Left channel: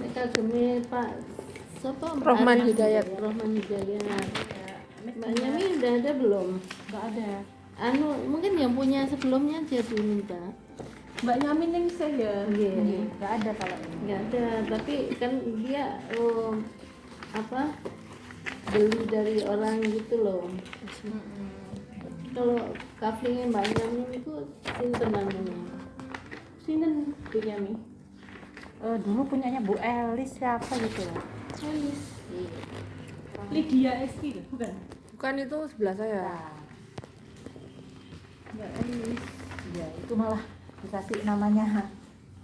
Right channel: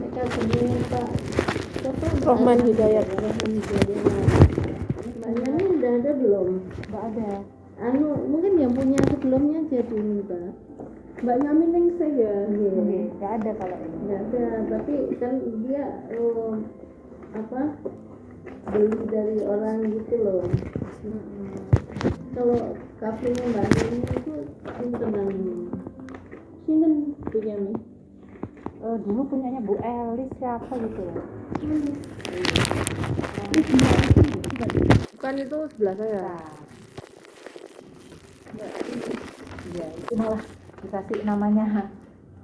Mereka sini Pak siapa? Rohman Hidayat. Rohman Hidayat. Mbak Nyami udah ada belum? Nggak ada. Mungkin yang punya sebelumnya aja diminta. Mbak Nyami ningsih ya. Iya. Nggak ada kalau ini. Nggak ada, tapi kan dia beli dari orang gitu loh. Kalau kafenya Mbak Nyami itu sinten namanya? Sinten Bu Nyami? Dulu punyanya Bu Elis siapa gitu. Bukan itu sebelah saya. Mbak Elis. Ya, itu malah dikasih namanya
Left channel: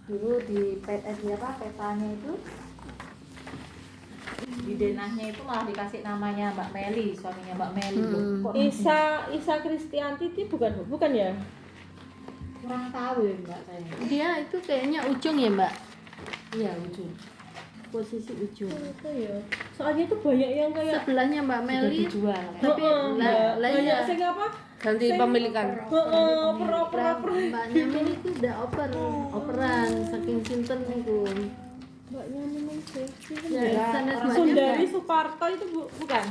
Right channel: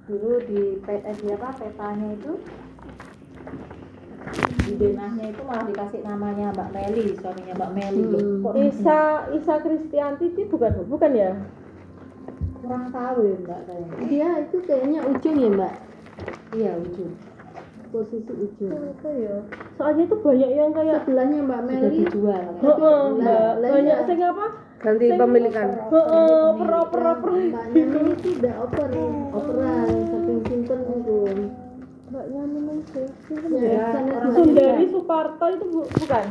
dulu di petanya itu di denahnya itu malah dikasih namanya Mbak Meli, suaminya Mbak Meli. Kok Isa Kristianti itu bukan ya? kurang tahu ya Mbak saya. Dia itu kayaknya ujung ya Mbak, Iya, ujung. posisi ujung. Apa ya? Soalnya itu banyak yang kayak Sebelahnya Mbak Sudah Meli, dijual. tapi Mbak, banyak iya. sing apa? Ganti pemilikan. Oper. Mbak Nyami itu udah operan saking sinten itu. Mbak Nyami ningsih. Sinten Ya, ya? sanes Mbak Sundari Nyami. Suparto itu bukan?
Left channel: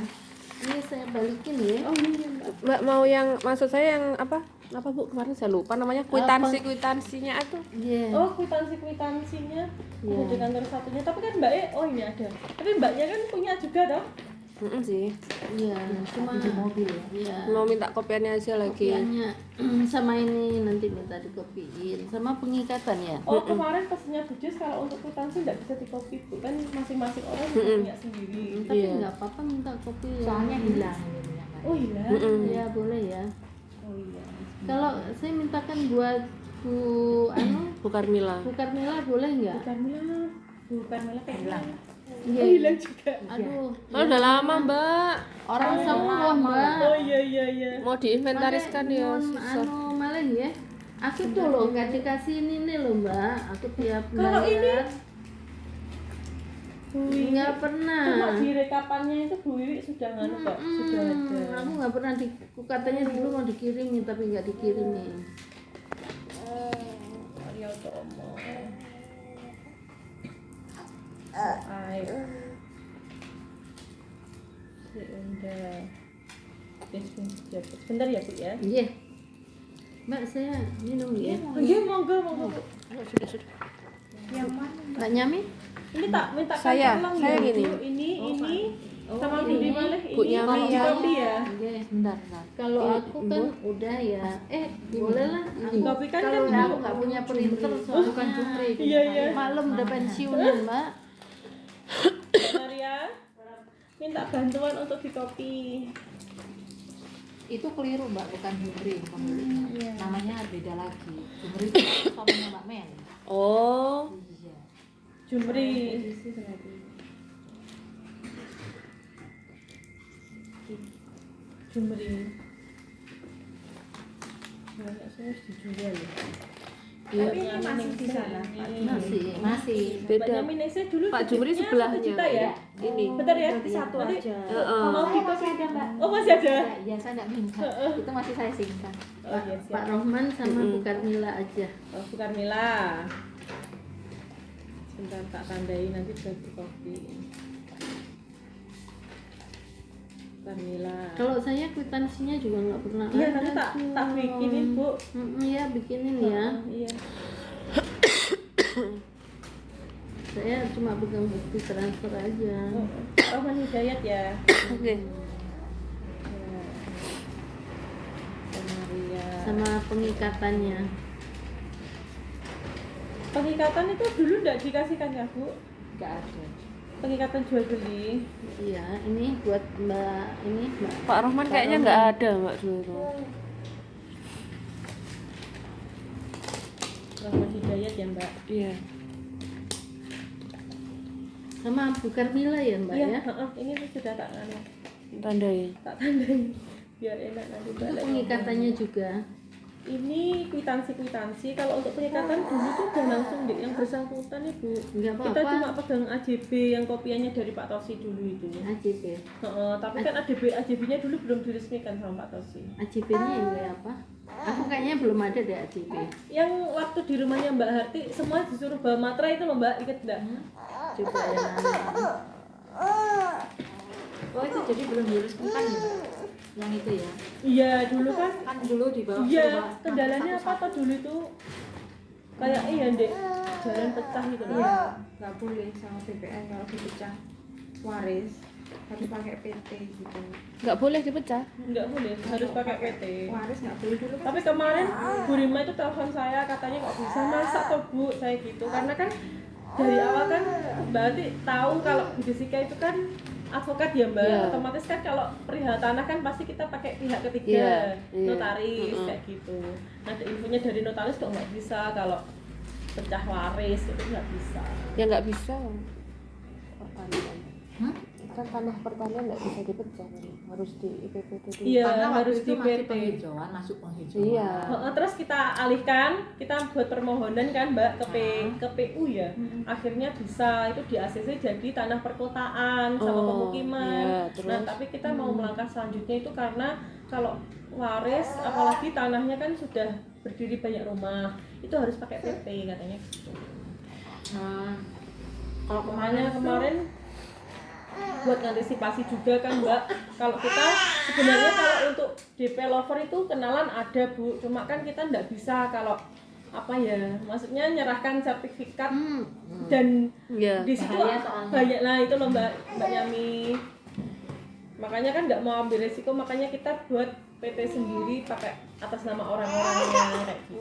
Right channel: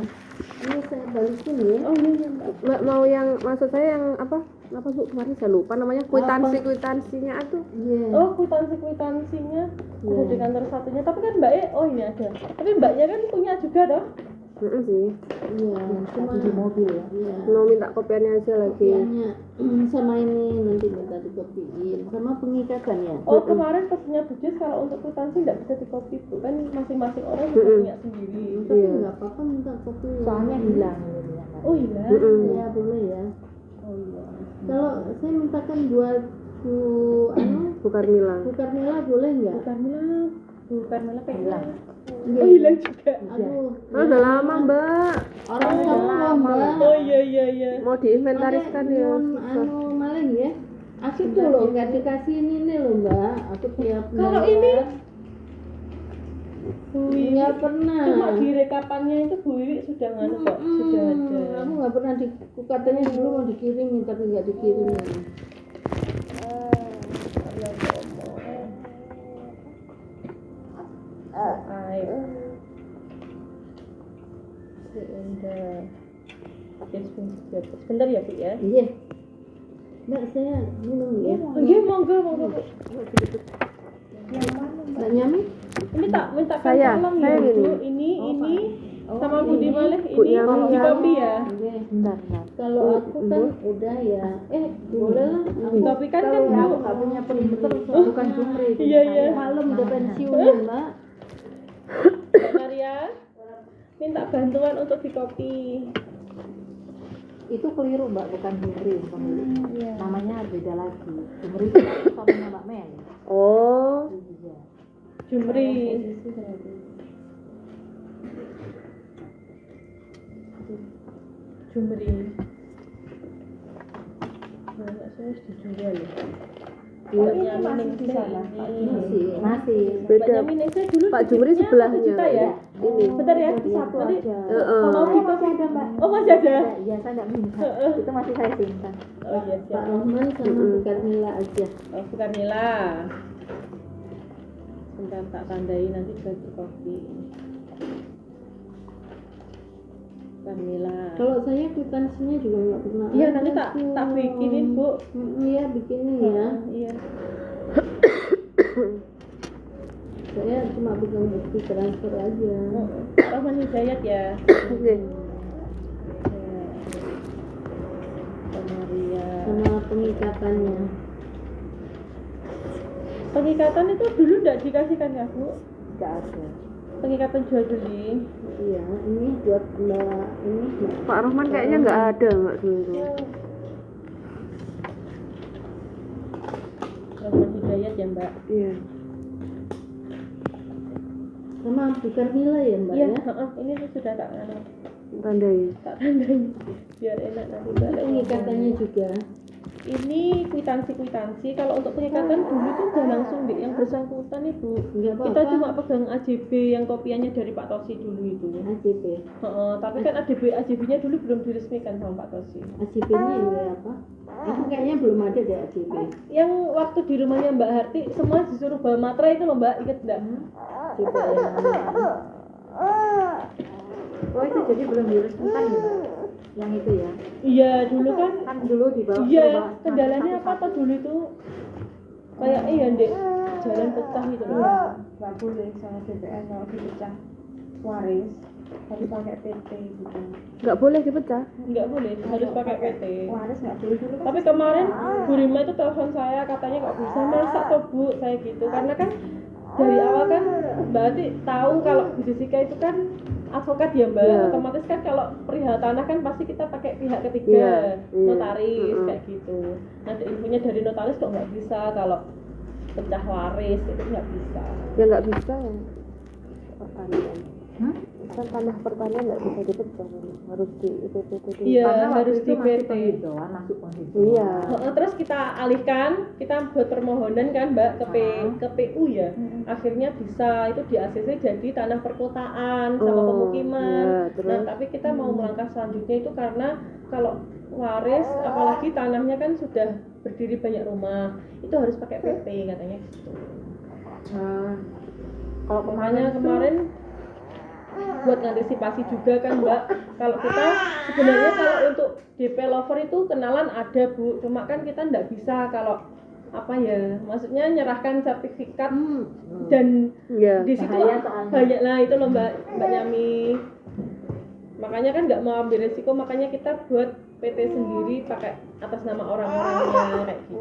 Ini saya balikin ya. Oh iya Mbak. Mbak mau yang maksud saya yang apa Bu kemarin saya lupa namanya, kwitansinya itu. Iya. Oh, kwitansinya Iya. ada di kantor satunya. Tapi kan Mbak ini ada. Tapi Mbaknya kan punya juga toh? Sih. Iya, cuma Di mobil. iya. Mau minta kopiannya aja lagi. Kopiannya sama ini nanti minta dikopiin sama pengikatan ya. Oh, kemarin pesennya Bujus kalau untuk kwitansi nggak bisa dikopi, Bu. Kan masing-masing orang bisa punya sendiri. Tapi Iya. nggak apa-apa minta kopi. Soalnya hilang gitu ya. Oh iya. Ya boleh ya. Oh iya. Kalau saya mintakan buat Bu Bu Karmila. Bu Karmila boleh nggak? Bukan malah kayak hilang. Iya. Oh, hilang juga. Aduh, Oh, udah lama Mbak. orang sama loh Mbak. Oh iya. Mau diinventariskan ya. Makanya, malah ya. Aku tuh loh nggak dikasih ini loh Mbak. Aku tiap Kalau bayar Wih, nggak pernah. cuma di rekapannya itu Bu Wiwi sudah nganu kok, sudah ada. Aku nggak pernah katanya dulu mau dikirimin tapi nggak dikirimin. Ya Allah. Air. Bentar ya Bu ya. Iya. Mbak saya minum ya. Oh iya monggo. Yang mana? Mbak Nyami? Ini tak minta Saya ulang gini. Bu. Ini sama Bu di mana? Bu Nyami di yang- kopi ya. Iya. Bentar. Kalau aku kan udah ya. Boleh lah. Aku Kopi kan kalau kan aku nggak punya printer soalnya. Bukan Jumri. Iya. Maklum udah pensiunan Mbak. Maria minta bantuan untuk di kopi. Itu keliru Mbak, bukan Jumri. Iya. Namanya beda lagi. Jumri itu suaminya Mbak Mel. Oh. Iya. Jumri. Jumri. Banyak sih dijual ya. Tapi ini masih di sana. Masih. Beda. Dulu Pak Jumri bibitnya sebelahnya. 1 juta ya. Ini. Bentar ya, satu nanti. Heeh. Mau di kopi ada Mbak. Oh masih ada. Ya saya nggak minta. Itu masih saya simpan. Oh iya Pak siap. Rohman sama Bu Karmila aja. Oh bukan Nila. Sebentar tak tandai nanti buat di kopi. Bukan Nila. Kalau saya kwitansinya juga nggak pernah Iya ada nanti tuh. tak bikinin Bu. Iya bikinin ya. Iya. Saya cuma pegang bukti transfer aja. Rohman Hidayat ya. Oke. Maria. Sama pengikatannya. Pengikatan itu dulu enggak dikasihkan ya Bu? Nggak ada. Pengikatan jual beli. Iya, ini buat Mbak Pak Rohman kayaknya nggak ada Mbak dulu. Rohman Hidayat ya Mbak. Iya. sama Bu Karmila ya Mbak Iya, ya. ini sudah tak anu. Tandai. Tak tandai biar enak nanti Mbak. Itu pengikatannya juga. ini kwitansi. Kalau untuk pengikatan dulu tuh udah langsung yang bersangkutan Ibu. Enggak Kita apa-apa. cuma pegang AJB yang kopiannya dari Pak Tosi dulu itu. AJB. Tapi kan AJB-nya dulu belum diresmikan sama Pak Tosi. AJB-nya yang kayak apa? Aku kayaknya belum ada deh AJB. Yang waktu di rumahnya Mbak Harti semua disuruh bawa materai itu loh Mbak, inget enggak? Coba yang anu. Oh itu jadi belum diresmikan ya Mbak? Yang itu ya? Iya dulu kan. Kan dulu di bawah. Iya, kendalanya apa toh dulu itu? Kayak Dek, jalan pecah gitu loh. Iya, nggak boleh sama BPN kalau dipecah waris harus pakai PT gitu. Nggak boleh dipecah. Enggak boleh, harus pakai PT. Waris nggak boleh dulu kan? Tapi kemarin Bu Rima itu telepon saya katanya kok bisa masak toh Bu, saya gitu. Karena kan dari awal kan berarti tahu kalau Bu Jessica itu kan advokat ya Mbak. Iya. Otomatis kan kalau perihal tanah kan pasti kita pakai pihak ketiga, Iya, iya. notaris kayak gitu. Nah infonya dari notaris kok nggak bisa kalau pecah waris itu nggak bisa. Ya nggak bisa. Pertanian. Kan tanah pertanian nggak bisa dipecah. Harus di IPPT dulu. Iya, Karena waktu harus itu di masih PT. penghijauan, masuk penghijauan. Iya. Terus kita alihkan, kita buat permohonan kan Mbak ke PU ya. Akhirnya bisa itu di ACC jadi tanah perkotaan sama Oh, pemukiman. iya, terus? Nah, tapi kita mau melangkah selanjutnya itu karena kalau waris apalagi tanahnya kan sudah berdiri banyak rumah, itu harus pakai PT katanya gitu. Kalau Makanya kemarin buat antisipasi juga kan Mbak, kalau kita sebenarnya kalau untuk developer itu kenalan ada Bu, cuma kan kita nggak bisa kalau apa ya, maksudnya nyerahkan sertifikat dan Iya. di situ Bahaya soalnya. banyak lah itu loh Mbak Yami, makanya kan nggak mau ambil resiko, makanya kita buat PT sendiri pakai atas nama orang-orangnya kayak gitu.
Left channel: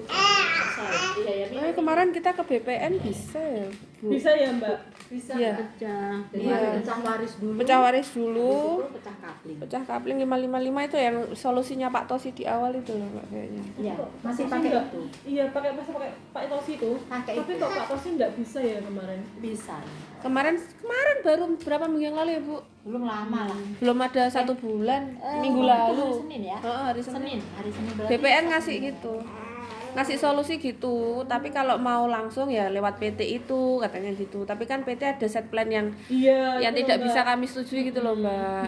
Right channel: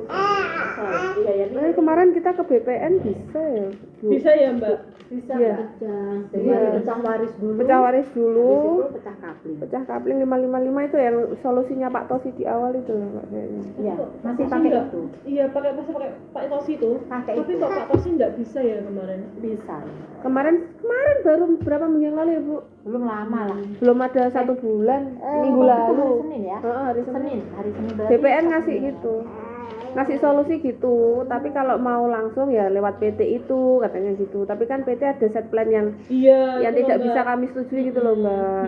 Iya ya, Tapi kemarin kita ke BPN bisa ya, Bu? Bisa ya Mbak? bisa Iya. Mbak. Pecah. Jadi Iya. harus pecah waris dulu. Pecah waris Habis dulu. itu pecah kapling. Pecah kapling 555 itu yang solusinya Pak Tosi di awal itu loh Mbak kayaknya. Iya, masih Tosi pakai nggak? itu. Iya masih pakai Pak Tosi itu. Pakai Tapi itu. kok Pak Tosi nggak bisa ya kemarin? Bisa. Kemarin baru berapa minggu yang lalu ya Bu? Belum lama lah. Belum ada 1 bulan, minggu Itu lalu. hari Senin ya? Heeh, hari Senin. Hari Senin berarti. BPN ngasih gitu, ngasih solusi gitu. Tapi kalau mau langsung ya lewat PT itu katanya gitu. Tapi kan PT ada set plan yang Iya. itu tidak Mbak. bisa kami setujui gitu loh Mbak.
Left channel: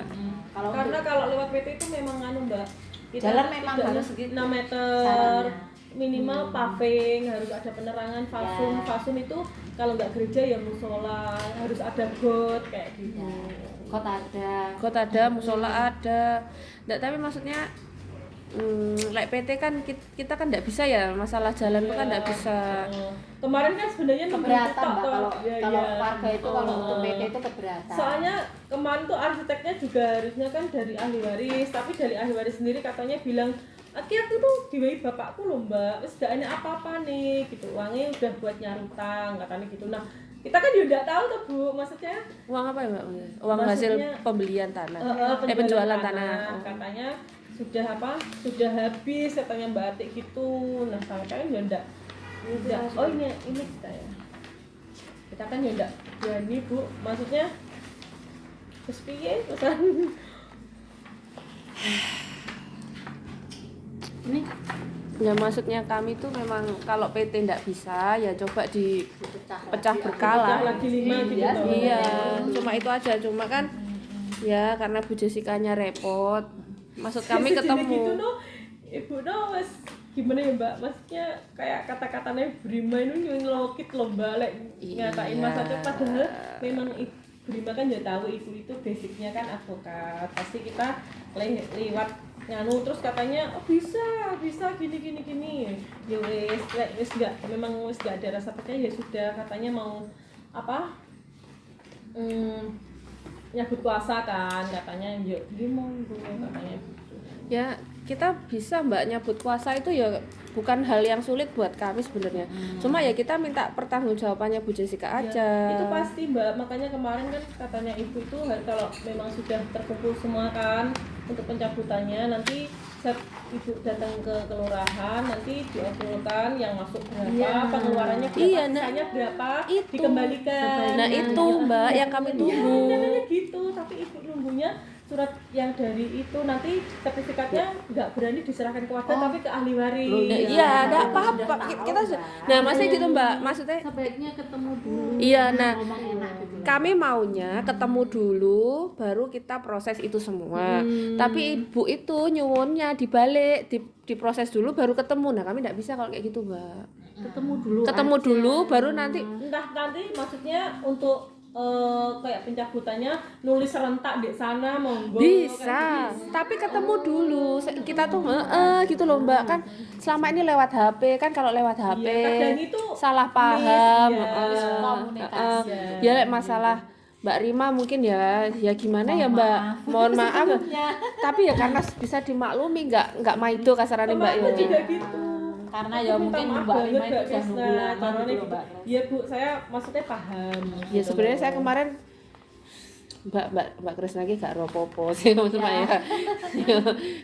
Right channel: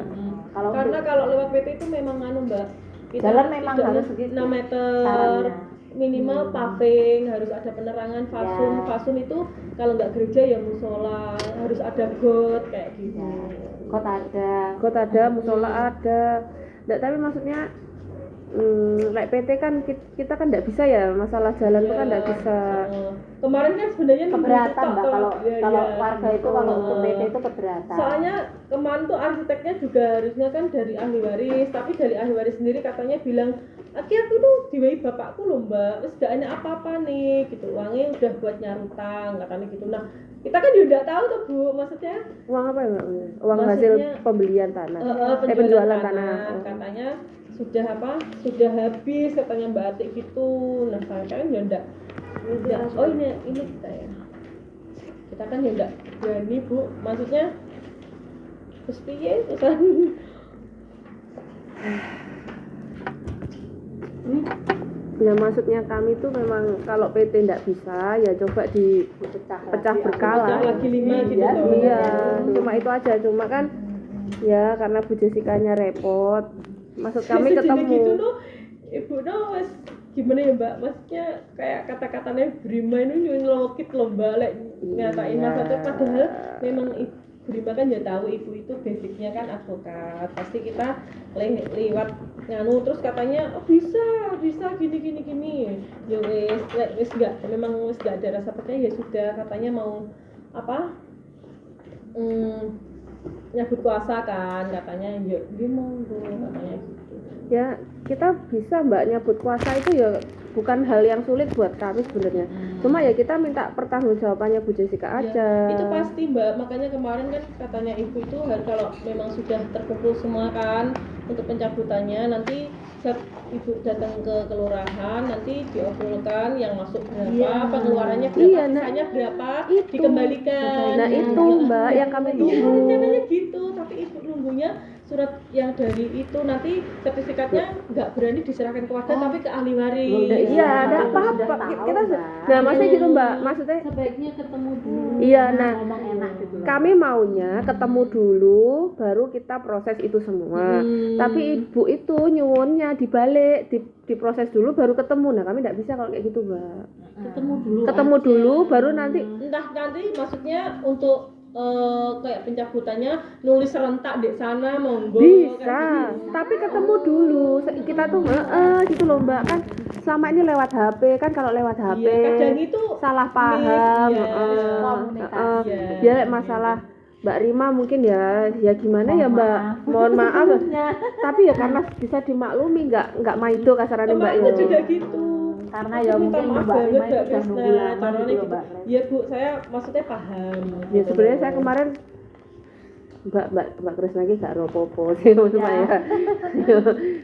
Kalau Karena untuk kalau lewat PT itu memang Mbak. Jalan memang tidak harus segitu 6 meter. sarannya. Minimal paving, harus ada penerangan, fasum. Ya. Fasum itu kalau nggak gereja ya musola, harus ada got kayak gitu. kot ada. Got ada, musola ada. Nggak, tapi maksudnya like PT kan kita kan nggak bisa ya, masalah jalan itu kan nggak bisa. Kemarin kan sebenarnya Keberatan Mbak kalau Iya, kalau iya. warga itu kalau untuk PT itu keberatan. Soalnya kemarin tuh arsiteknya juga harusnya kan dari ahli waris, tapi dari ahli waris sendiri katanya bilang, "Aki aku tuh diwai bapakku loh Mbak, wis gak enak apa-apa nih," gitu. Uangnya udah buat nyarutang katanya gitu. Nah, kita kan juga nggak tahu tuh Bu, maksudnya Uang apa ya Mbak? Uang Maksudnya, hasil pembelian tanah. Penjualan tanah. Oh. Katanya sudah sudah habis katanya Mbak Atik gitu. Nah, saya kan ya enggak. Oh ini kita ya. Kita kan ya enggak berani Bu, maksudnya terus piye terusan. Ini Ya maksudnya kami tuh memang kalau PT nggak bisa ya coba pecah berkala. Lagi 5 gitu Iya, loh. Iya, cuma itu aja. Cuma kan ya karena Bu Jessica-nya repot. Maksud kami Sejenis gitu ketemu. tuh, Ibu tuh mas gimana ya Mbak, maksudnya kayak kata-katanya Brima itu nyelokit loh Mbak, ngatain Iya. maksudnya padahal memang Brima kan ya tahu ibu itu basicnya kan advokat, pasti kita lewat nganu terus katanya oh, bisa gini ya wes nggak, memang wes nggak ada rasa percaya ya sudah, katanya mau apa nyabut kuasa kan katanya, ya gimana katanya gitu. Ya kita bisa Mbak nyabut kuasa itu ya bukan hal yang sulit buat kami sebenarnya. Cuma ya kita minta pertanggungjawabannya Bu Jessica Ya, aja. itu pasti Mbak, makanya kemarin kan katanya ibu itu kalau memang sudah terkumpul semua kan untuk pencabutannya, nanti saat ibu datang ke kelurahan nanti diobrolkan yang masuk berapa, Iya. pengeluarannya berapa, Iya, nah, sisanya berapa itu. dikembalikan. Nah itu Mbak yang kami Iya, tunggu. namanya gitu, tapi ibu nunggunya surat yang dari itu nanti sertifikatnya nggak berani diserahkan ke warga tapi ke ahli waris. Iya, enggak apa-apa. Kita nah, maksudnya gitu, Mbak. Maksudnya Sebaiknya ketemu dulu. iya, nah Memang enak gitu loh. kami maunya ketemu dulu baru kita proses itu semua. Tapi ibu itu nyuwunnya dibalik, diproses dulu baru ketemu. Nah, kami enggak bisa kalau kayak gitu, Mbak. Ketemu dulu. Ketemu aja. dulu baru nanti Entah nanti maksudnya untuk kayak pencabutannya nulis serentak di sana monggo bisa, kayak gitu. tapi ketemu dulu. Kita tuh gitu loh, Mbak. Kan selama ini lewat HP kan, kalau lewat HP Iya, kadang itu salah miss, paham. ya, komunikasi. Iya. Ya masalah Mbak Rima mungkin ya gimana ya, Mbak. Mohon maaf. Tapi ya karena bisa dimaklumi, nggak maido kasarannya, Mbak. Teman itu juga gitu. Karena Aku ya minta mungkin maaf Mbak banget, Rima itu Mbak udah Krisna, nunggu lama caranya gitu loh, gitu. Mbak. Iya Bu, saya maksudnya paham. Ya gitu sebenarnya loh. saya kemarin Mbak Kris lagi gak ropopo sih maksudnya ya.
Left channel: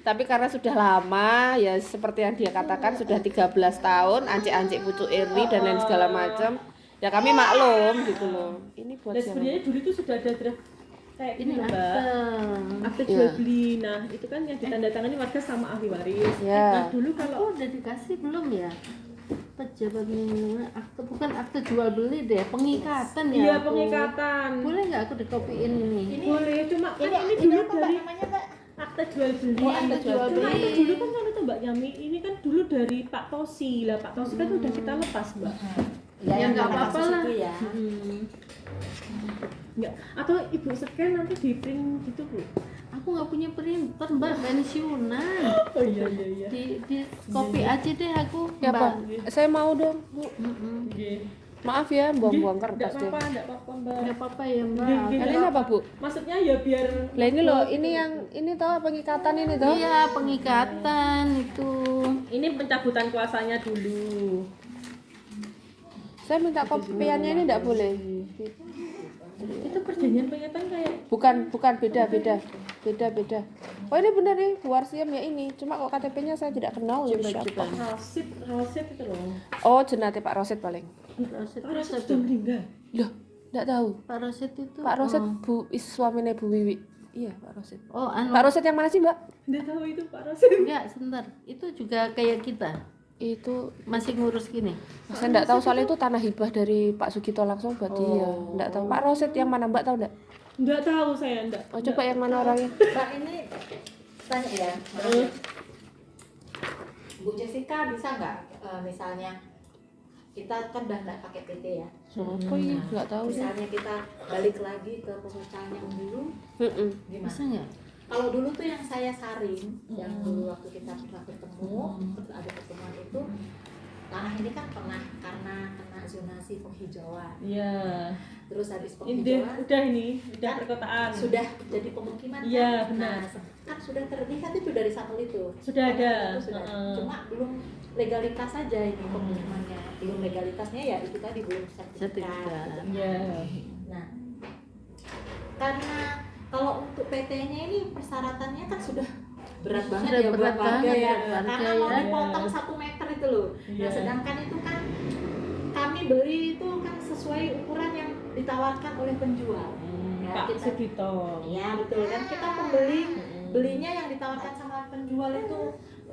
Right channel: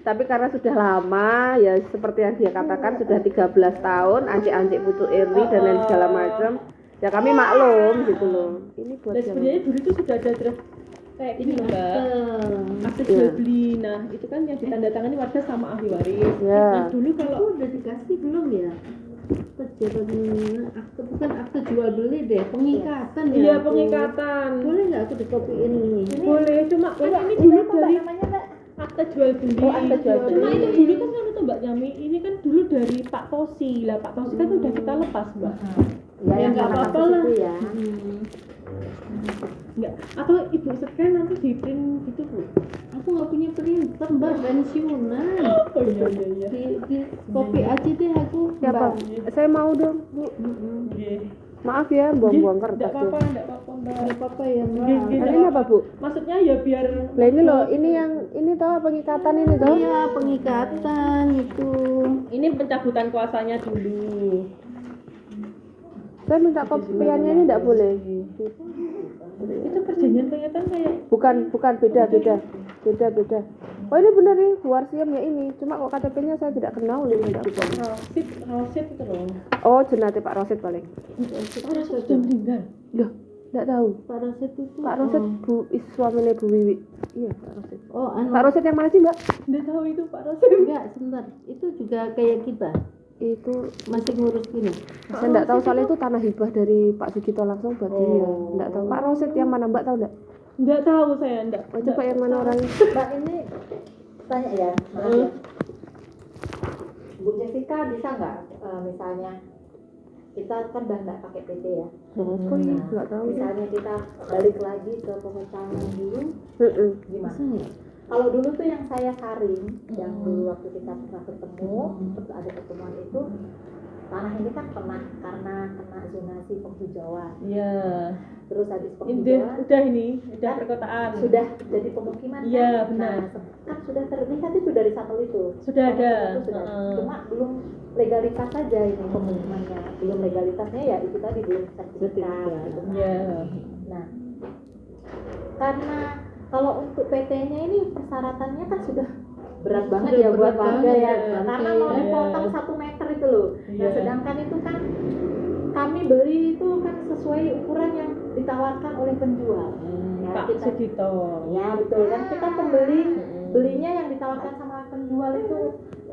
Tapi karena sudah lama ya seperti yang dia katakan sudah 13 tahun ancik-ancik pucuk Eri dan lain segala macam. Ya kami maklum gitu loh. Ini buat Dan siapa? sebenarnya dulu itu sudah ada draft kayak Ini gini loh, Mbak. akte. Akte Iya. jual beli. Nah, itu kan yang ditandatangani warga sama ahli waris. Iya. Nah, dulu Aku kalau udah dikasih belum ya? Akte bukan akte jual beli deh, pengikatan ya. iya aku. pengikatan. Boleh nggak aku dikopiin ini? Boleh, cuma kan ini Ini dulu apa Mbak dari namanya, Mbak? akte jual beli. Oh, akte jual Cuma beli. itu dulu kan itu Mbak Yami, ini kan dulu dari Pak Tosi. Lah Pak Tosi kan udah kita lepas, Mbak. Ya nggak apa-apa lah. Ya. Enggak. Atau Ibu scan nanti di print gitu, Bu. Aku nggak punya printer, Mbak, pensiunan. Oh iya. Di copy aja deh aku, Ya, Mbak. Pak. Saya mau dong, Bu. Oke. Maaf ya buang-buang Enggak kertas deh. apa-apa, Mbak. Nggak apa-apa ya, Mbak. Nggak, Ini apa, Bu? Maksudnya ya biar Lah ini loh, ini toh pengikatan ini toh. Iya, pengikatan itu. ini pencabutan kuasanya dulu. Saya minta kopiannya ini enggak boleh. Itu perjanjian pengikatan kayak Bukan beda. Oh ini benar nih, Bu Warsiam ya ini. Cuma kok KTP-nya saya tidak kenal nih. Rosid itu loh. Oh, jenate Pak Rosid paling. Pak Rosid sudah meninggal. Loh, enggak tahu. Pak Rosid itu. Pak Rosid Bu suaminya Bu Wiwi. Iya, Pak Rosid. Oh, anu. Pak Rosid yang mana sih, Mbak? Nggak tahu itu Pak Rosid. Enggak, sebentar. Itu juga kayak kita. Itu Masih ngurus gini. saya enggak tahu soalnya itu tanah hibah dari Pak Sugito langsung buat dia. Enggak tahu. Pak Rosid yang mana, Mbak tahu enggak? Nggak tahu saya enggak. Oh, coba yang mana orangnya? Mbak ini tanya ya, Bu Jessica bisa nggak misalnya kita kan udah nggak pakai PT ya, Oh iya, enggak tahu. misalnya kita balik lagi ke pemecahan dulu Heeh. gimana? Bisa nggak? Kalau dulu tuh yang saya saring, yang dulu waktu kita pernah ketemu, ada pertemuan itu, tanah ini kan pernah karena kena zonasi penghijauan, Iya. terus habis Ini penghijauan udah udah Kan perkotaan. sudah jadi pemukiman Iya, kan? benar. Nah, kan sudah terlihat itu dari satelit itu. Sudah ada. Itu sudah. Heeh. Cuma belum legalitas saja ini pemukimannya. Belum legalitasnya ya itu tadi belum sertifikat. Sertifikat. gitu. Iya. Nah, karena kalau untuk PT-nya ini persyaratannya kan sudah berat banget Sudah ya buat berat warga banget ya. buat warga Karena ya. mau dipotong 1 meter itu loh. Nah, Iya. sedangkan itu kan kami beli itu kan sesuai ukuran yang ditawarkan oleh penjual. Ya, Pak kita- Sugito. Iya betul kan kita pembeli belinya yang ditawarkan sama penjual itu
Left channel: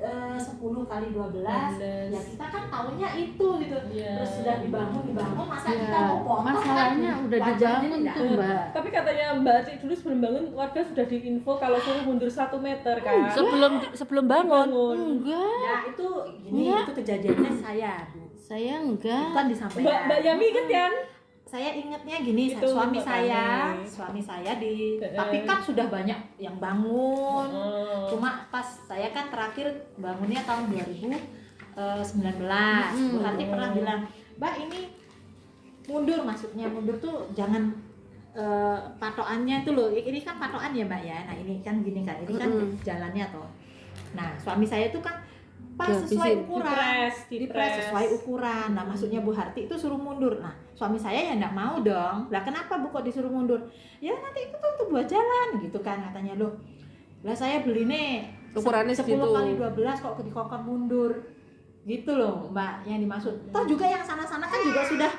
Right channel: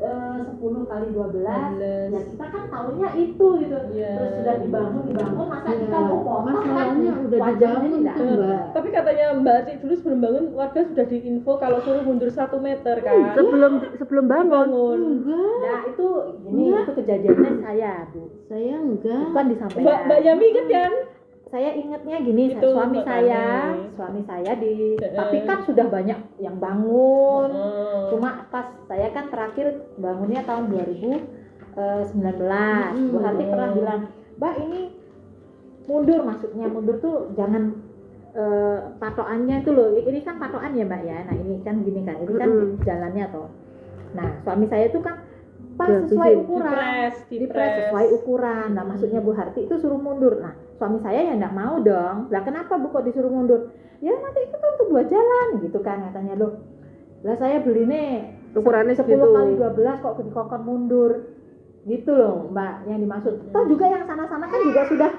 10 kali 12 ya kita kan tahunya itu gitu. Iya. Terus sudah dibangun masa kita Ya, mau potong masalahnya kan udah wajarnya dibangun tidak tuh, ada. Mbak. Tapi katanya Mbak Acik dulu sebelum bangun warga sudah diinfo kalau suruh mundur 1 meter kan. Sebelum bangun. Bangun. Enggak, Nah itu gini Iya. itu kejadiannya saya Bu saya enggak. bukan disampaikan Mbak Yami inget kan? saya ingatnya gini Itu suami Mbak saya di tapi kan sudah banyak yang bangun cuma pas saya kan terakhir bangunnya tahun 2019 Bu Harti pernah bilang Mbak ini mundur maksudnya mundur tuh jangan patokannya itu loh ini kan patokan ya Mbak ya nah ini kan gini kan ini kan jalannya toh nah suami saya itu kan pas sesuai ukuran dipres sesuai ukuran nah maksudnya Bu Harti itu suruh mundur nah suami saya ya enggak mau dong lah kenapa Bu kok disuruh mundur ya nanti itu kan untuk buat jalan gitu kan katanya loh lah saya beli nih Ukurannya 10 segitu. kali 12 kok dikokon mundur gitu loh Mbak yang dimaksud toh juga yang sana-sana kan juga sudah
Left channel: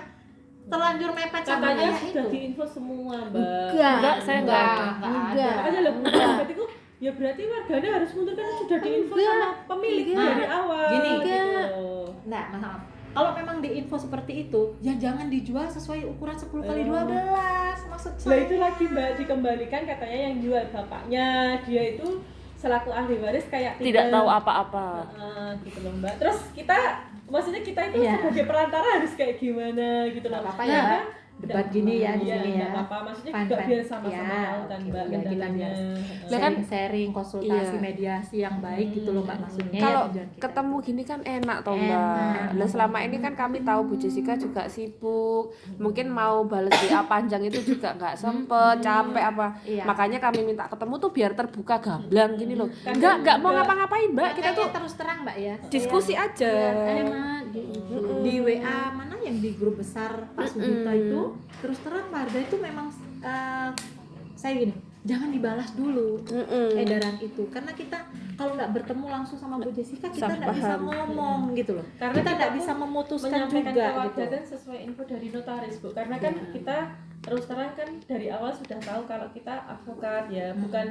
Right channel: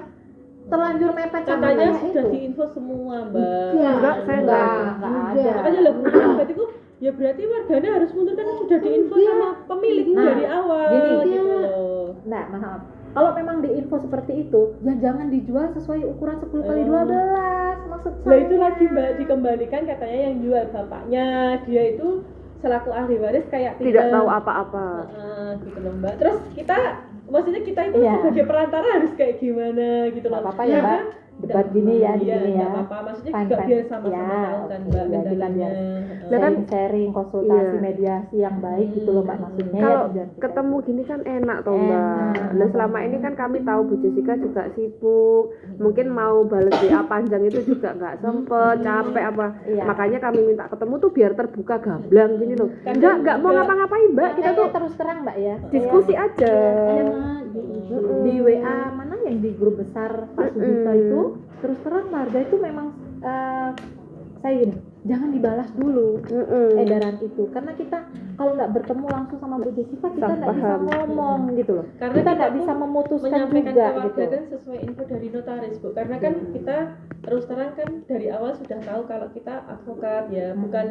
terlanjur mepet sama Katanya kayak sudah itu. diinfo semua, Mbak. Enggak, saya enggak ada. Enggak ada. Makanya lah berarti kok ya berarti warganya harus mundur kan sudah diinfo sama pemilik Nah, dari awal. gini. gitu. Nah, maaf. Kalau memang diinfo seperti itu, ya jangan dijual sesuai ukuran 10 kali 12. Maksud Lah saya. itu lagi Mbak dikembalikan katanya yang jual bapaknya, dia itu selaku ahli waris kayak Tidak tahu apa-apa. gitu loh Mbak. Terus kita maksudnya kita itu Iya. sebagai perantara harus kayak gimana gitu loh. Nggak apa-apa ya, Mbak. Debat gini ya di sini ya. Nggak apa-apa, maksudnya Fine, juga fine. biar sama-sama Ya, tahu kan oke. Mbak Ya, kita kendalanya. Lah kan- sharing, konsultasi, Iya. mediasi yang baik gitu loh Mbak maksudnya. ya, Kalau tujuan kita ketemu itu. gini kan enak toh Enak. Mbak. Nah selama ini kan kami tahu Bu Jessica juga sibuk, mungkin mau balas WA panjang itu juga nggak sempet, capek apa. Iya. Makanya kami minta ketemu tuh biar terbuka gamblang gini loh. Nggak mau ngapa-ngapain Mbak, kita tuh Makanya terus terang Mbak ya. diskusi aja. enak gitu. Di WA mana yang di grup besar Pak Sugito itu terus terang warga itu memang saya gini, jangan dibalas dulu edaran itu karena kita kalau nggak bertemu langsung sama Bu Jessica kita nggak bisa Paham. ngomong gitu loh. Karena Kita kita nggak pun bisa memutuskan menyampaikan juga ke gitu. warga kan sesuai info dari notaris Bu, karena kan kita terus terang kan dari awal sudah tahu kalau kita advokat ya, bukan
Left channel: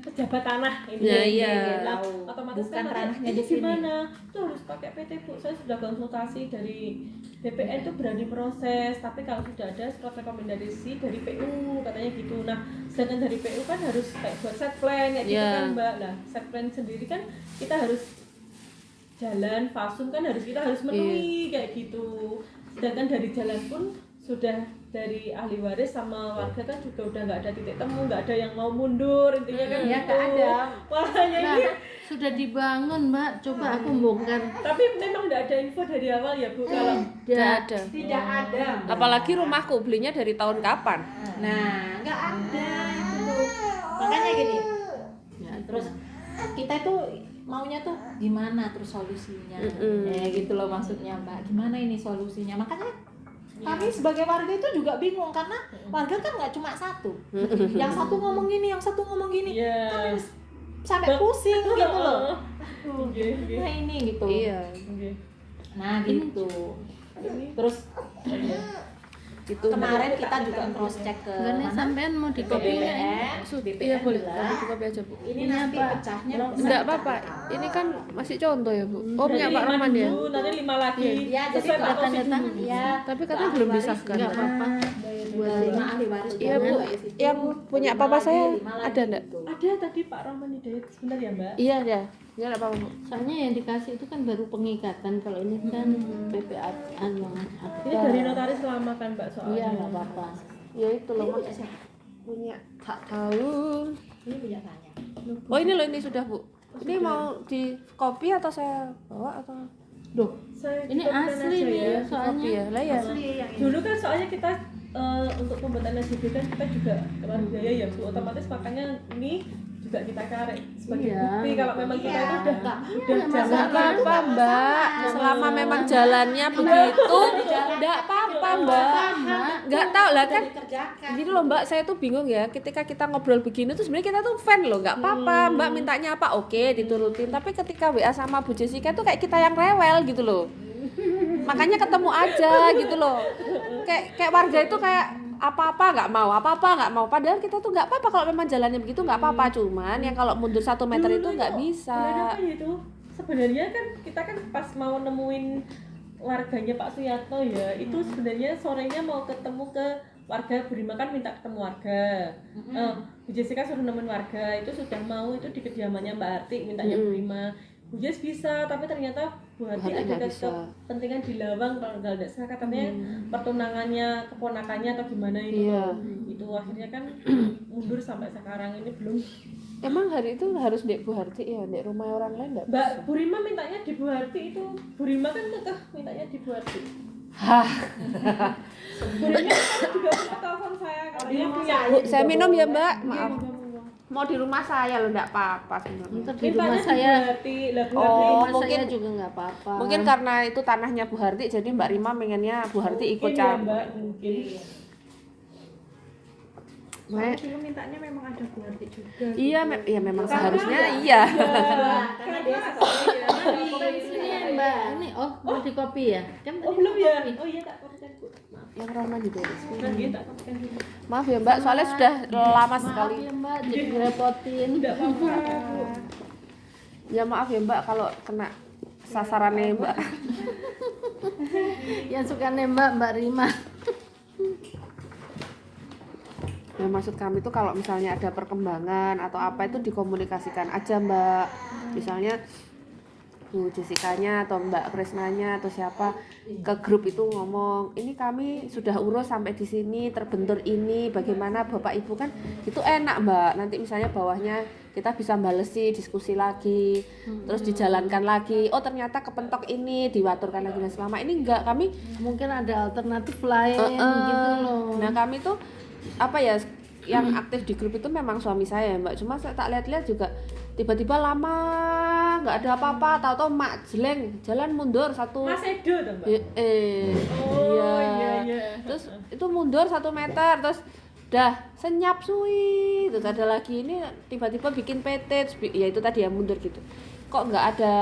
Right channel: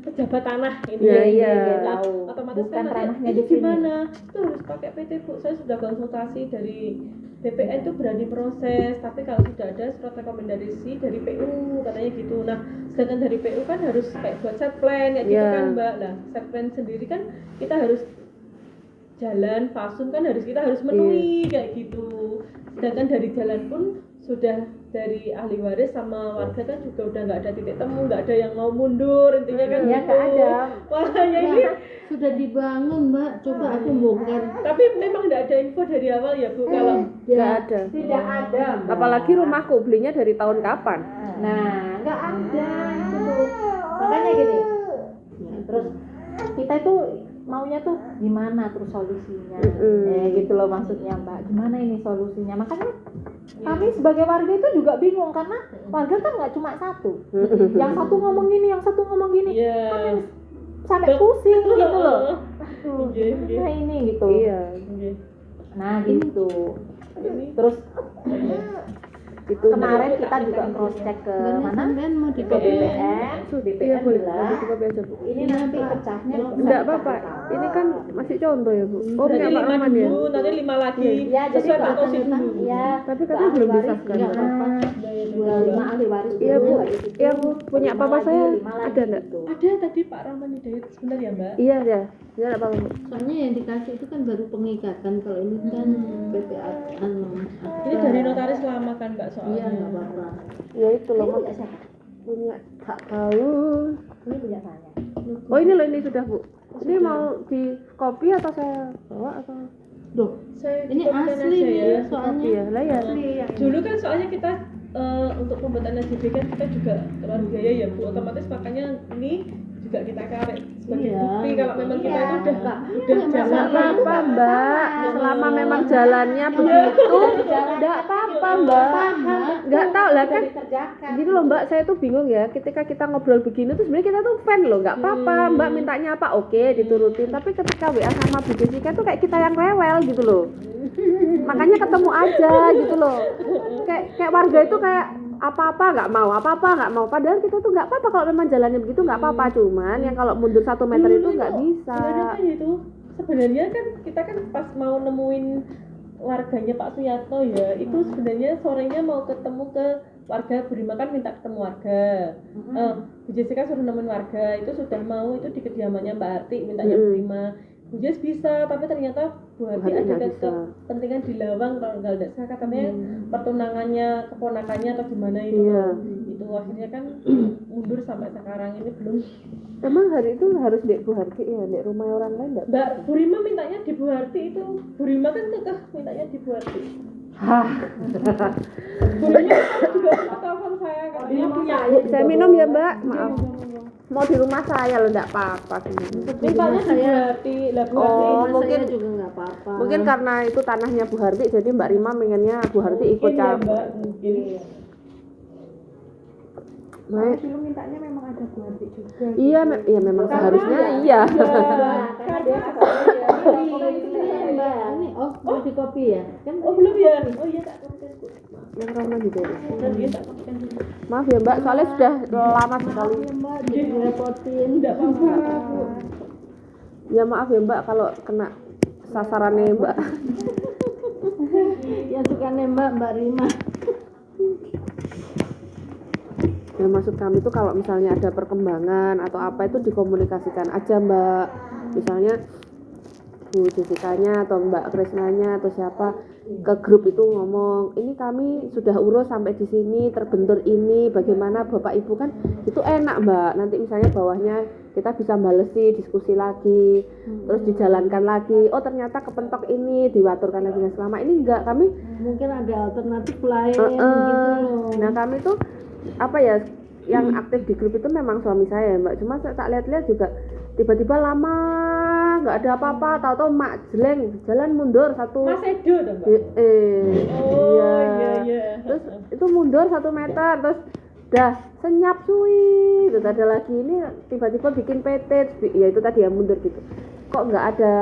pejabat tanah ini. Ya, Jadi, iya. tahu. Otomatis Bukan kan ranahnya ini di sini. gimana? Itu harus pakai PT Bu. Saya sudah konsultasi dari BPN itu berani proses, tapi kalau sudah ada surat rekomendasi dari PU katanya gitu. Nah, sedangkan dari PU kan harus kayak buat set plan kayak gitu Iya. kan Mbak. Nah, set plan sendiri kan kita harus jalan fasum kan kita harus menemui kayak gitu. Sedangkan dari jalan pun sudah dari ahli waris sama warga kan juga udah nggak ada titik temu, nggak ada yang mau mundur intinya kan Ya gitu. nggak ada. Makanya Nah, ini sudah dibangun Mbak, coba aku bongkar. tapi memang nggak ada info dari awal ya Bu kalau Nggak ada. Tidak ada. Mbak. Apalagi rumahku belinya dari tahun kapan? Nah, nggak ada itu tuh. Makanya gini. Ya, Terus kita itu maunya tuh gimana terus solusinya. Gitu loh maksudnya Mbak. Gimana ini solusinya? Makanya kami sebagai warga itu juga bingung karena warga kan nggak cuma satu. Yang satu ngomong gini, yang satu ngomong gini. ya Kami sampai pusing gitu loh. Aduh, Oke, oke. gimana ini gitu. Iya. Oke. Nah, gitu. Terus Itu kemarin kita juga cross check ke Sebenarnya mana? sampean mau Ke dikopi nggak ini? BPN, Iya BPN boleh, bilang, nanti kopi aja Bu. ini Ini nanti apa? pecahnya bisa Enggak dicari apa-apa, tahu. ini kan masih contoh ya Bu. Oh Berarti punya Pak 5 Rahman ya. dulu, nanti 5 lagi. Ya, jadi Sesuai kalau Pak Kofi tanda dulu. ya, Tapi katanya belum disahkan. Nggak apa-apa. Dua lima ahli waris Iya, dulu, Bu. itu. Yang punya Lima papa lagi, saya lima lagi ada nggak? gitu. Ada tadi Pak Rahman Hidayat sebentar ya Mbak. Iya ya, enggak apa-apa Bu. Soalnya yang dikasih itu kan baru pengikatan, kalau ini kan PPA Ini dari notaris lama kan Mbak soalnya. Iya nggak apa-apa. Ya itu loh Ini Mas. punya siapa? Punya tak tahu. Ini punya tanya. Oh ini loh ini sudah Bu. Ini mau di kopi atau saya bawa atau? Duh, Saya ini cukupkan asli aja nih ya. soalnya. Iya lah ya. Dulu kan soalnya kita untuk pembuatan SJB kan kita juga keluar biaya ya Bu, otomatis makanya ini juga kita karek sebagai Iya. bukti kalau memang kita itu udah Iya, jalan Enggak apa-apa Mbak. Selama memang jalannya begitu, enggak apa-apa Mbak. Enggak tahu lah kan. Dikerjakan. Gini loh Mbak, saya tuh bingung ya ketika kita ngobrol begini tuh sebenarnya kita tuh fan loh, nggak apa-apa Mbak mintanya apa oke diturutin, tapi ketika WA sama Bu Jessica tuh kayak kita yang rewel gitu loh, makanya ketemu aja gitu loh, kayak warga itu kayak apa-apa nggak mau, padahal kita tuh nggak apa-apa kalau memang jalannya begitu nggak apa-apa, cuman ya kalau mundur 1 meter itu nggak bisa. Bulan apa ya itu? Sebenarnya kan kita kan pas mau nemuin warganya Pak Suyatno ya, itu sebenarnya sorenya mau ketemu ke warga Burima kan minta ketemu warga. Bu Jessica suruh nemuin warga, itu sudah mau itu di kediamannya Mbak Arti mintanya Burima. Bu Jess bisa, tapi ternyata Bu Arti Arti ada nggak bisa. kepentingan di Lawang kalau nggak salah katanya pertunangannya keponakannya atau gimana itu Iya. loh. Itu akhirnya kan mundur sampai sekarang ini belum. Emang hari itu harus di Bu Harti ya, di rumah orang lain nggak? Mbak Burima mintanya di Bu Harti itu. Burima kan kekeh mintanya di Bu Harti. Hah, Burima juga suka telepon saya kalau dia punya. saya minum ya Mbak, maaf. Mau di rumah saya loh, nggak apa-apa gini. Di rumah Mintanya di Bu saya, Harti. Lah Bu Harti rumah saya mungkin- juga nggak apa-apa. Mungkin karena itu tanahnya Bu Harti, jadi Mbak Rima pengennya Bu Harti ikut mungkin ya campur. Mbak, mungkin. Baik. Dulu mintanya memang ada Bu Harti juga. Iya, iya memang seharusnya iya. Karena dia ya. Ini Mbak, ini mau di kopi ya? Kan Oh tadi belum mau ya? kopi. Oh iya tak konsen Bu. Maaf. yang Rohman diberes. Dan dia tak pakai dulu. Maaf ya Mbak, soalnya sudah lama Maaf sekali. ya Mbak, jadi ngerepotin. Enggak apa-apa. Bu. Ya maaf ya Mbak kalau kena sasarannya Mbak. Ya suka nembak Mbak Rima. Nah, maksud kami tuh kalau misalnya ada perkembangan atau apa itu dikomunikasikan aja Mbak. Misalnya Bu Jessica-nya atau Mbak Krisnanya atau siapa ke grup itu ngomong, ini kami sudah urus sampai di sini, terbentur ini, bagaimana Bapak Ibu, kan itu enak Mbak. Nanti misalnya bawahnya kita bisa balesi, diskusi lagi, terus dijalankan lagi. Oh ternyata kepentok ini diwaturkan lagi, dan selama ini enggak, kami Mungkin ada alternatif lain gitu loh. Nah kami tuh apa ya, yang aktif di grup itu memang suami saya ya Mbak. Cuma saya tak lihat-lihat juga tiba-tiba lama nggak ada apa-apa, tahu-tahu mak jeleng jalan mundur satu. Mas Edo tuh Mbak. Iya. Iya. Terus itu mundur 1 meter, terus dah senyap suwi. Terus ada lagi ini tiba-tiba bikin PT, ya itu tadi ya mundur gitu. Kok nggak ada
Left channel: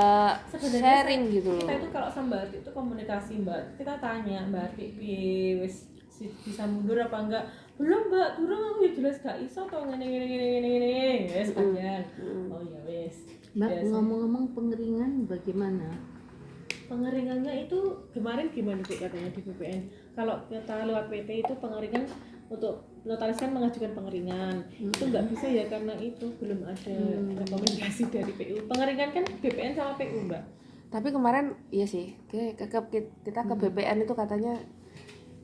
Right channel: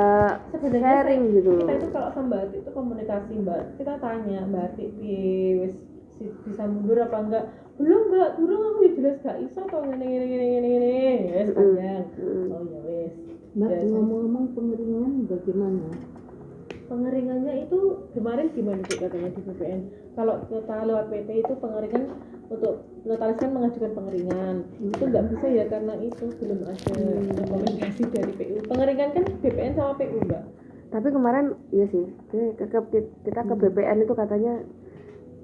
Sebenarnya sharing gitu loh. Kita itu kalau sama Mbak Arti itu komunikasi Mbak. Kita tanya Mbak Arti wis bisa mundur apa enggak? Belum Mbak, turun aku ya jelas gak iso to ngene wis panjang. Oh ya wis. Mbak, Biasa. ngomong-ngomong pengeringan bagaimana? Pengeringannya itu kemarin gimana tuh katanya di BPN? Kalau kita lewat PT itu pengeringan untuk notaris kan mengajukan pengeringan itu nggak bisa ya karena itu belum ada rekomendasi dari PU. Pengeringan kan BPN sama PU Mbak. Tapi kemarin iya sih, kita ke BPN itu katanya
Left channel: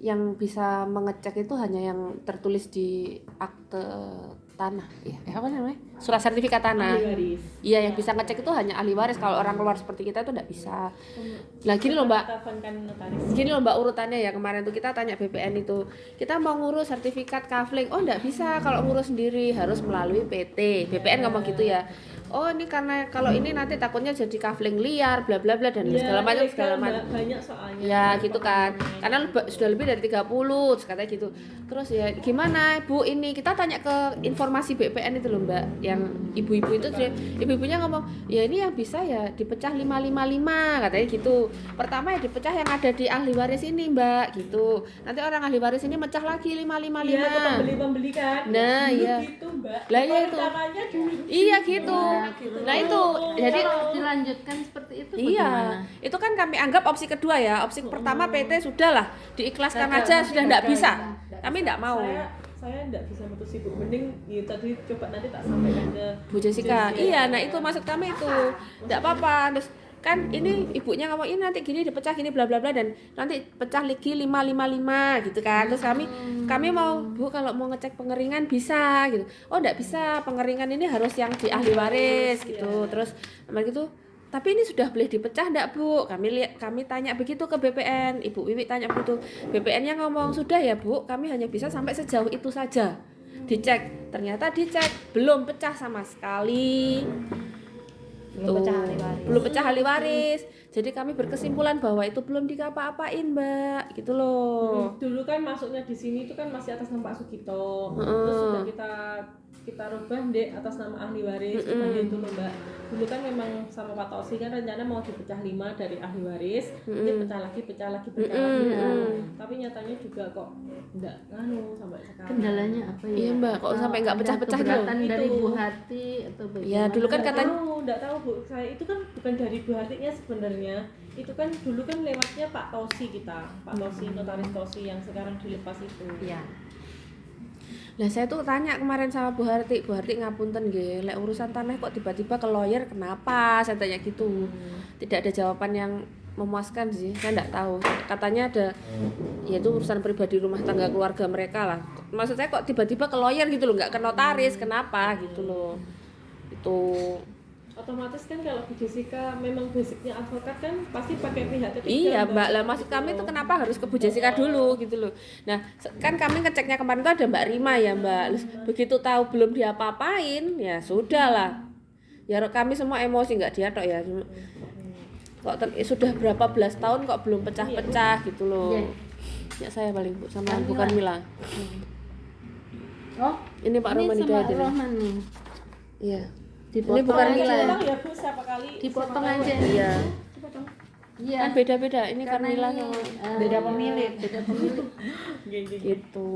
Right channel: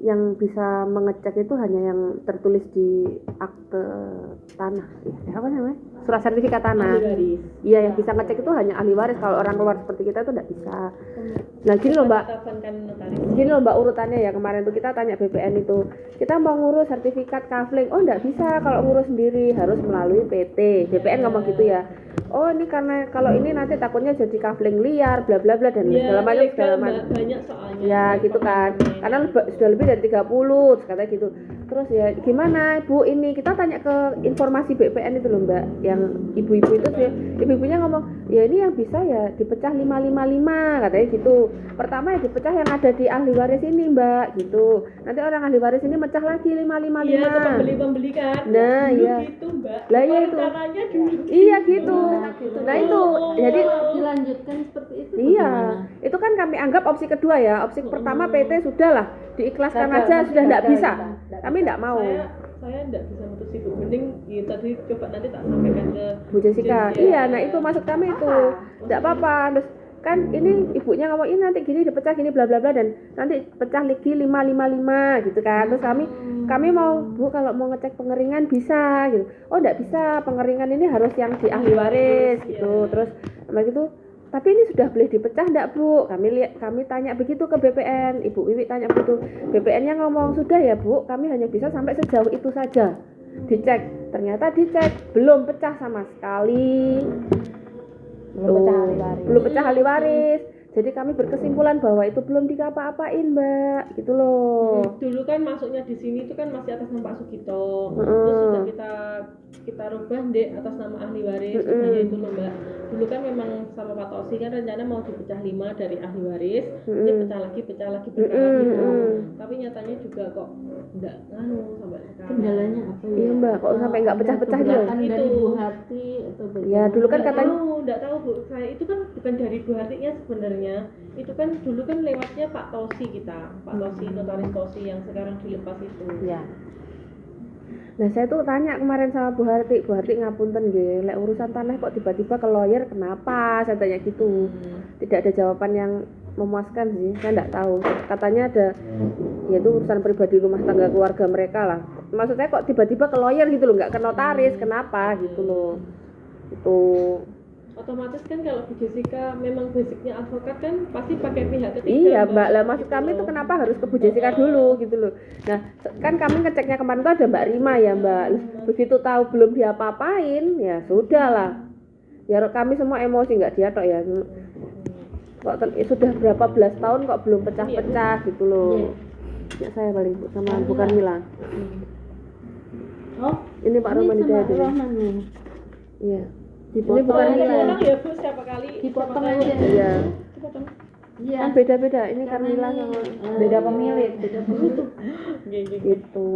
yang bisa mengecek itu hanya yang tertulis di akte tanah, ya apa namanya, surat sertifikat tanah. Ahli waris. Iya, yang bisa ngecek itu hanya ahli waris. Kalau orang luar seperti kita itu tidak bisa. Nah gini loh Mbak, Kan notaris. gini loh Mbak urutannya ya, kemarin tuh kita tanya BPN itu, kita mau ngurus sertifikat kafling, oh enggak bisa kalau ngurus sendiri, harus melalui PT. BPN ngomong gitu ya. Oh ini karena kalau ini nanti takutnya jadi kafling liar, bla bla bla dan segala macam segala macam. Banyak soalnya. Ya gitu kan, karena sudah lebih dari 30 terus katanya gitu. Terus ya gimana Bu, ini kita tanya ke informasi BPN itu loh Mbak, yang ibu-ibu itu ibu-ibunya ngomong ya ini yang bisa ya dipecah 555 katanya gitu. Pertama ya dipecah yang ada di ahli waris ini Mbak gitu, nanti orang ahli waris ini mecah lagi 555. Iya, pembeli kan. Nah, Dulu iya. gitu Mbak. Lah, iya itu. Caranya dulu. Iya gitu. Nah itu jadi Dilanjutkan seperti itu iya, bagaimana? itu kan kami anggap opsi kedua ya. Opsi pertama PT sudahlah diikhlaskan Gagal, aja, masih sudah tidak gagal bisa. kita. Kami tidak mau. Saya enggak bisa mutusin Bu. Mending ya tadi coba nanti tak sampaikan ke Bu Jessica. Iya, nah itu maksud kami itu. Tidak apa-apa. Terus kan ini ibunya ngomong ini nanti gini dipecah gini bla bla bla dan nanti pecah lagi 555 gitu kan. Terus kami mau Bu kalau mau ngecek pengeringan bisa gitu. Oh enggak bisa, pengeringan ini harus yang di ahli waris gitu. Terus gitu. Tapi ini sudah boleh dipecah enggak Bu? Kami tanya begitu ke BPN. Ibu Wiwi tanya begitu. BPN-nya ngomong sudah ya Bu, kami hanya bisa sampai sejauh itu saja. Dicek, ternyata dicek belum pecah sama sekali. Belum pecah ahli waris. Belum pecah ahli waris. Jadi kami berkesimpulan bahwa itu belum dikapa-apain Mbak, gitu loh. Dulu kan masuknya di sini itu kan masih atas nama Pak Sugito. Terus sudah kita rubah deh atas nama ahli waris. Makanya itu loh Mbak. Dulu kan memang sama Pak Tosi kan rencana mau dipecah 5 dari ahli waris. Ini pecah lagi. Tapi nyatanya juga kok enggak sampai sekarang. Kendalanya apa ya? Iya Mbak, kok sampai nggak Ada pecah-pecah gitu? keberatan dari Itu. Bu Hati atau bagaimana? Ya dulu kan katanya Enggak tahu Bu. Saya itu kan bukan dari Bu Hartinya sebenarnya. Itu kan dulu kan lewatnya Pak Tosi kita. Pak Tosi, notaris Tosi yang sekarang dilepas itu. Iya. Nah saya tuh tanya kemarin sama Bu Harti ngapunten nggih, lek urusan tanah kok tiba-tiba ke lawyer kenapa? Saya tanya gitu. Tidak ada jawaban yang memuaskan sih, saya enggak tahu. Katanya ada yaitu urusan pribadi rumah tangga keluarga mereka lah. Maksud saya kok tiba-tiba ke lawyer gitu loh, enggak ke notaris, kenapa gitu loh. Itu Otomatis kan kalau Bu Jessica memang basicnya advokat kan pasti pakai pihak ketiga. iya Mbak, lah maksud kami tuh kenapa harus ke Bu Jessica dulu gitu loh. Nah kan kami ngeceknya kemarin tuh ada Mbak Rima ya Mbak. Terus begitu tahu belum diapa-apain ya sudah lah. Ya kami semua emosi, nggak dia tok ya. Kok sudah berapa belas tahun kok belum pecah-pecah gitu loh. Ya saya paling Bu sama Kamila. bukan Mila. Oh, Ini Pak ini Roman sama Hidayat ini. Roman nih. Iya. Dipotong bukan aja. Mila. Memang ya Bu siapa kali Dipotong siapa kali- aja. Iya. Dipotong. Iya. Kan beda-beda ini Karena Carmilla ini, sama Beda pemilik. Beda pemilik. gitu.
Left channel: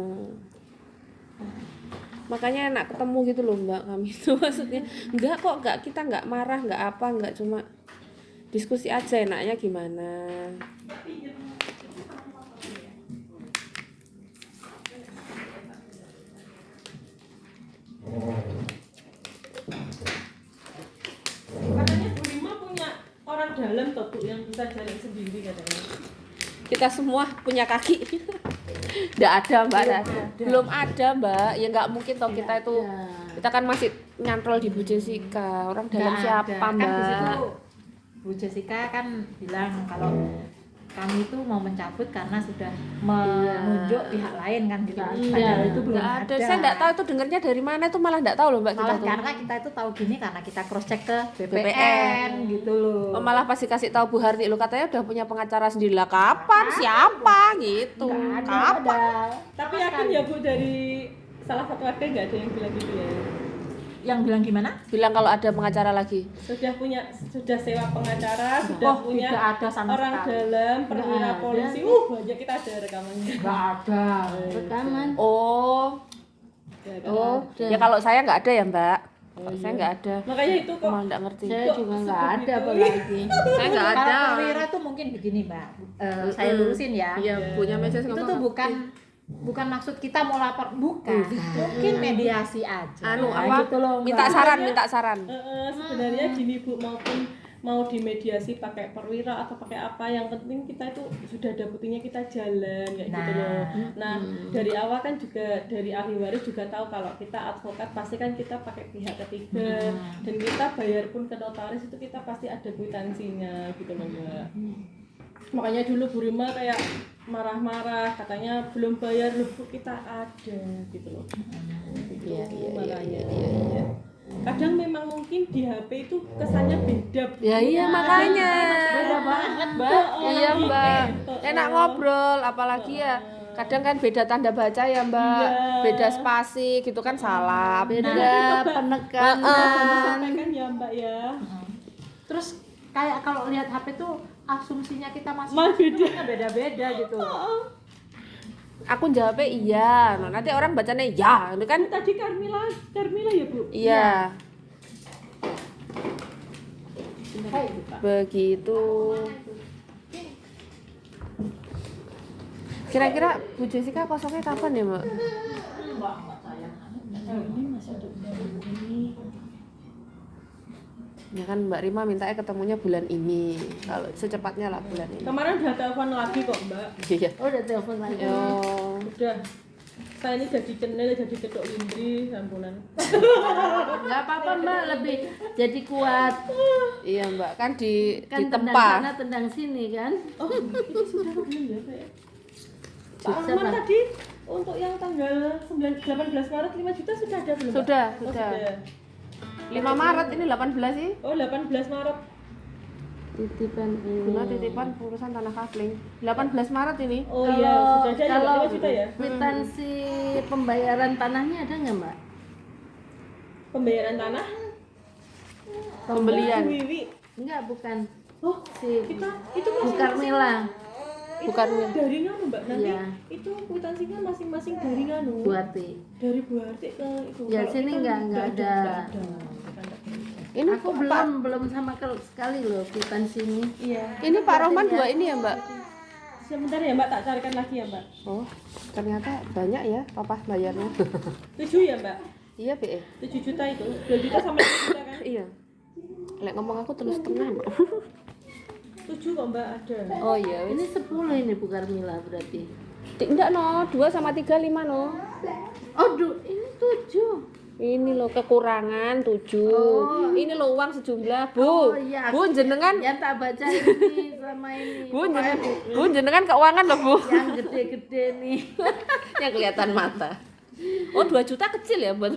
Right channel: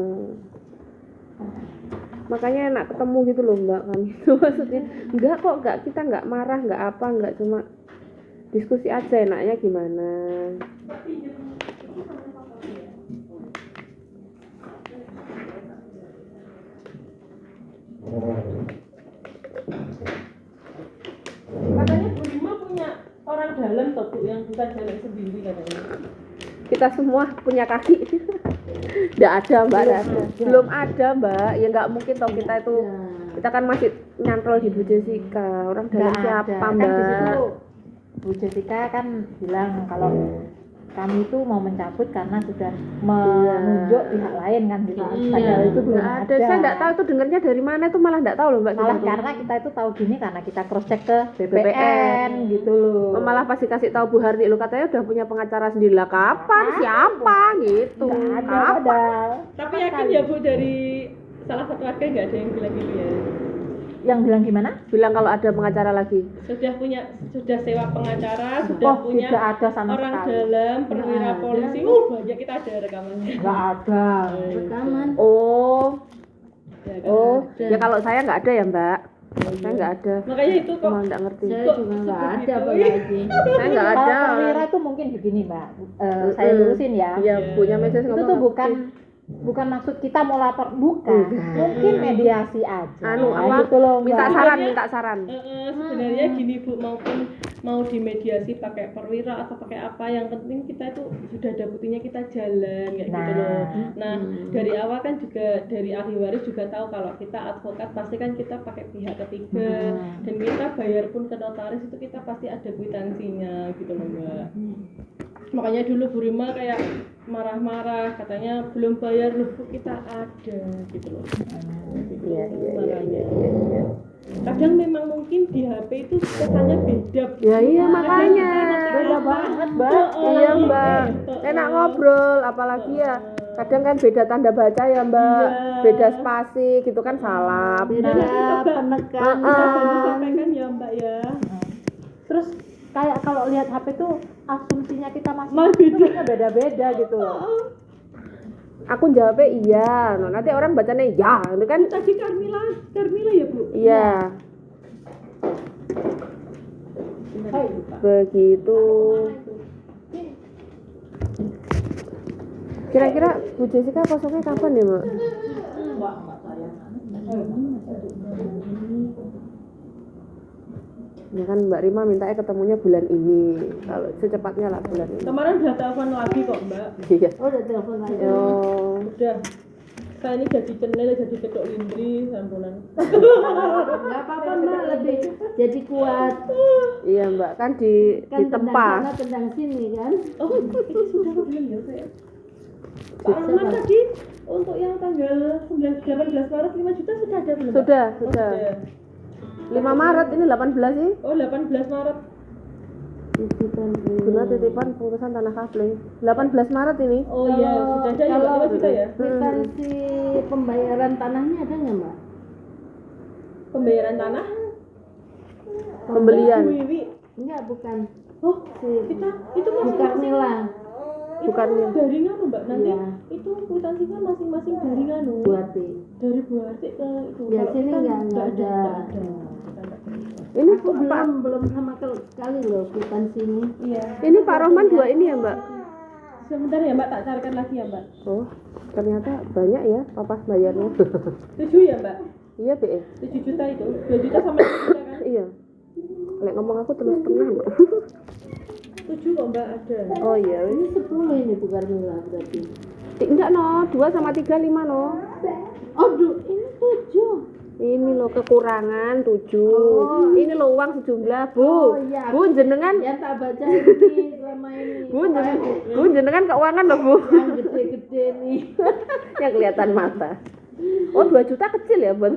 Makanya enak ketemu gitu loh Mbak kami itu maksudnya enggak kok enggak kita enggak marah enggak apa enggak cuma diskusi aja enaknya gimana. Katanya Bu Rima punya orang dalam toh Bu yang bisa jalan sendiri katanya. Kita semua punya kaki. Enggak ada Mbak, belum ada Mbak. Ya enggak mungkin toh kita itu kita kan masih nyantol di Bu Jessica. Orang dalam Nggak siapa ada. Kan Mbak? di situ Bu Jessica kan bilang kalau kami itu mau mencabut karena sudah menunjuk pihak lain kan gitu. Padahal itu belum Nggak ada. Saya enggak tahu itu dengernya dari mana itu malah enggak tahu loh Mbak. Malah kita tuh. karena kita itu tahu gini karena kita cross check ke BPN gitu loh. Malah pasti kasih tahu Bu Harti lo katanya udah punya pengacara sendiri lah kapan siapa gitu Nggak ada kapan padahal. Tapi yakin ya Bu dari salah satu warga nggak ada yang bilang gitu ya? Yang bilang gimana? bilang kalau ada pengacara lagi Sudah sewa pengacara, sudah punya tidak ada sama orang sekali. dalam perwira Nggak ada. polisi. Banyak kita ada rekamannya. Nggak ada. Rekaman. oh Ya, kan? oh Ada. ya kalau saya nggak ada ya Mbak saya nggak ada Makanya itu kok malah nggak ngerti Saya Kok juga nggak sebegitu? ada apalagi. saya nggak ada Para perwira tuh mungkin begini Mbak. Saya lurusin ya. iya punya message Itu tuh bukan maksud kita mau lapor, bukan. Mungkin mediasi aja. anu apa gitu loh, Mbak. minta saran sebenarnya gini Bu, maupun mau dimediasi pakai perwira atau pakai apa, yang penting kita itu sudah ada buktinya, kita jalan kayak gitu loh. Nah dari awal kan juga dari ahli waris juga tahu kalau kita advokat pasti kan kita pakai pihak ketiga, dan kita bayar pun ke notaris itu kita pasti ada kwitansinya gitu loh Mbak. Makanya dulu Bu Rima kayak marah-marah katanya belum bayar, loh kita ada gitu loh. iya Kadang memang mungkin di HP itu kesannya beda. ya iya makanya Beda banget, Mbak. iya Mbak enak ngobrol apalagi ya kadang kan beda tanda baca ya Mbak beda spasi gitu kan salah Beda penekanan. Sampaikan ya Mbak ya. Terus kayak kalau lihat HP tuh asumsinya kita masih beda-beda gitu loh. aku jawabnya iya no, nanti orang bacanya ya itu kan Tadi Carmilla ya Bu. iya begitu kira-kira Bu Jessica kosongnya kapan ya Mbak? Ya kan Mbak Rima mintanya ketemunya bulan ini kalau secepatnya lah bulan ini Kemarin udah telepon lagi kok Mbak. iya Oh udah telepon lagi. yo Udah. Saya ini jadi cenil, jadi ketok indri, ampunan. Nggak apa-apa Mbak, lebih jadi kuat. iya Mbak kan di Kan tendang tempat sana tendang sini kan. Oh, ini sudah belum ya Pak ya? Pak Siapa? Arman tadi untuk yang tanggal 18 Maret 5 juta sudah ada belum? Pak? sudah Oh, sudah 5 Maret ini 18 sih Oh 18 Maret. Titipan bunga titipan pengurusan tanah kafling 18 Maret ini Oh iya, sudah ada ya kalau 5 juta ya? kwitansi pembayaran tanahnya ada nggak Mbak? Pembayaran tanah? pembelian Bu Wiwi. Enggak, bukan. Oh, Si kita itu Bu masing-masing. Carmilla. Itu Bukan. dari nganu Mbak, nanti Iya. itu kwitansinya masing-masing dari nganu. Bu Ati. Dari Bu Harti ke itu. Ya, Kalau sini kita nggak ada. Nggak ada. Kita nggak ada. ini Aku belum sama sekali loh kwitansi ini. Iya. ini Pak Rohman 2 ini ya Mbak Sebentar ya Mbak, tak carikan lagi ya Mbak. oh ternyata banyak ya papa bayarnya 7 ya Mbak? iya BE 7 juta itu. 2 juta sama 2 juta kan? iya lek ngomong aku terus setengah Mbak 7 kok Mbak ada. oh iya Ini 10 ini Bu Carmilla berarti. enggak no 2 sama 3 5 no Oh, ini 7. ini lo kekurangan 7 ini lo uang sejumlah Bu Oh, iya. Bu jenengan Yang tak baca ini sama ini. Bu jenengan keuangan loh Bu Yang gede-gede nih. yang kelihatan mata oh 2 juta kecil ya buat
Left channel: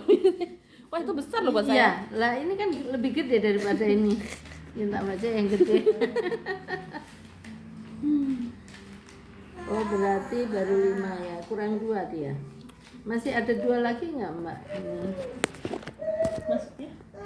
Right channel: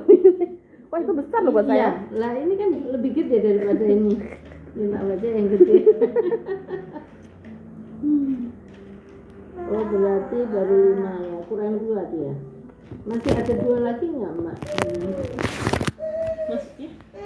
wah itu besar loh buat Iya, saya lah ini kan lebih gede daripada ini. Yang tak baca yang gede. Oh, berarti baru 5 ya, kurang 2 dia. Masih ada 2 lagi nggak Mbak? Maksudnya?